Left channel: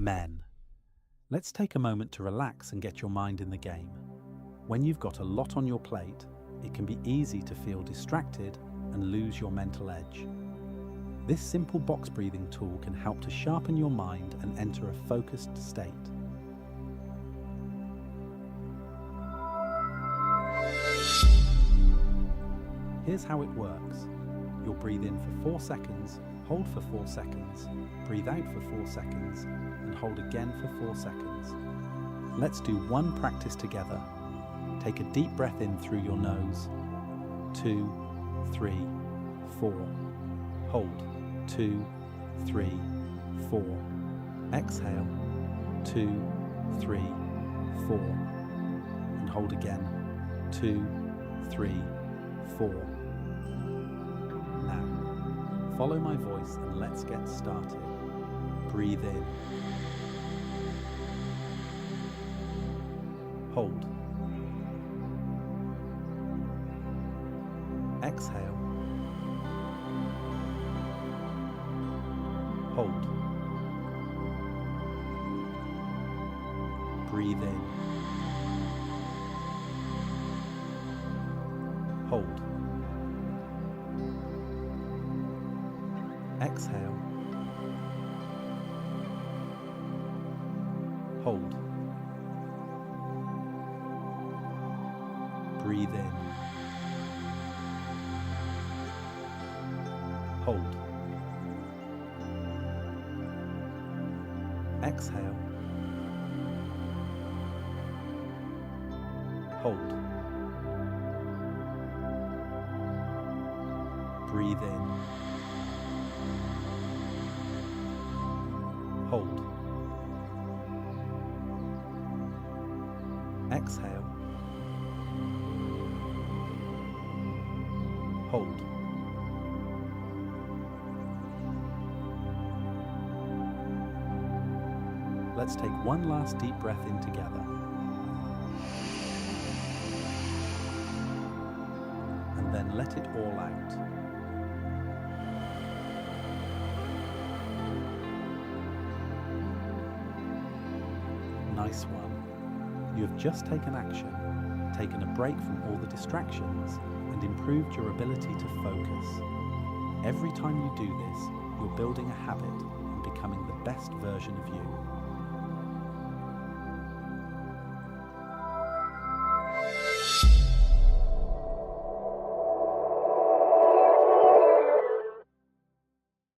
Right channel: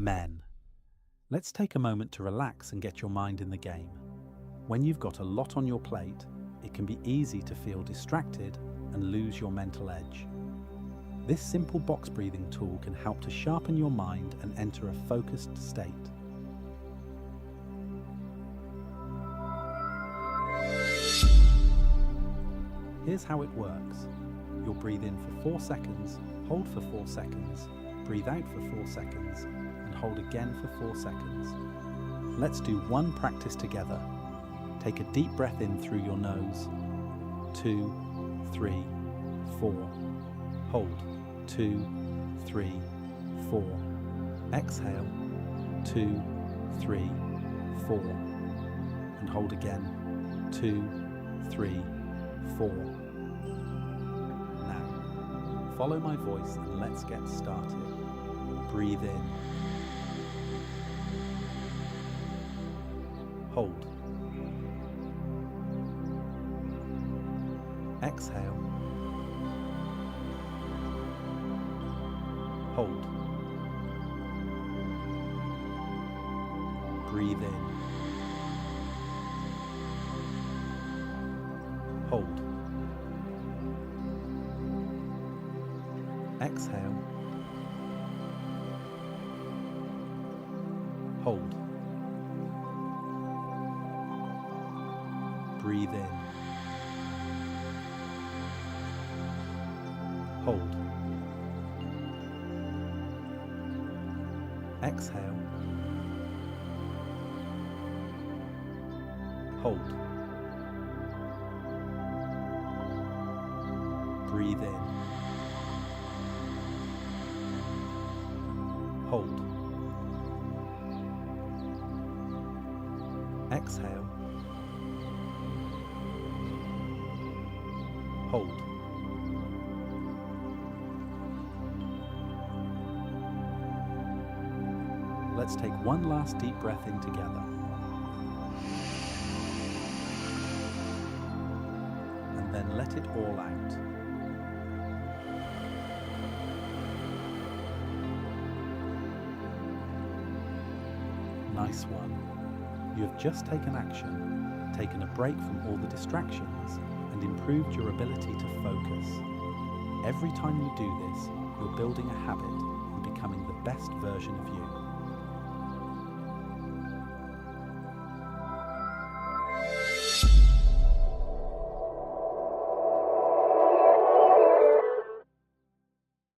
Men. Let's take a moment to relax and get your mind in the game. When you've got a lot on your plate, it can be easy to feel distracted and lose your mental edge. This simple box breathing tool can help to sharpen your mind and enter a focused state. Here's how it works. You'll breathe in for 4 seconds, hold for 4 seconds, breathe out for 4 seconds, and hold again for 4 seconds. Let's do one practice together. Take a deep breath in through your nose. 2, 3, 4. Hold. 2, 3, 4. Exhale. 2, 3, 4. And hold again. 2, 3, 4. Now, follow my voice and let's get started. Breathe in. Hold. Exhale. Hold. Breathe in. Hold. Exhale. Hold. Breathe in. Hold. Exhale. Hold. Breathe in. Hold. Exhale. Hold. Let's take one last deep breath in together. And then let it all out. Nice one. You have just taken action, taken a break from all the distractions, and improved your ability to focus. Every time you do this, you're building a habit and becoming the best version of you.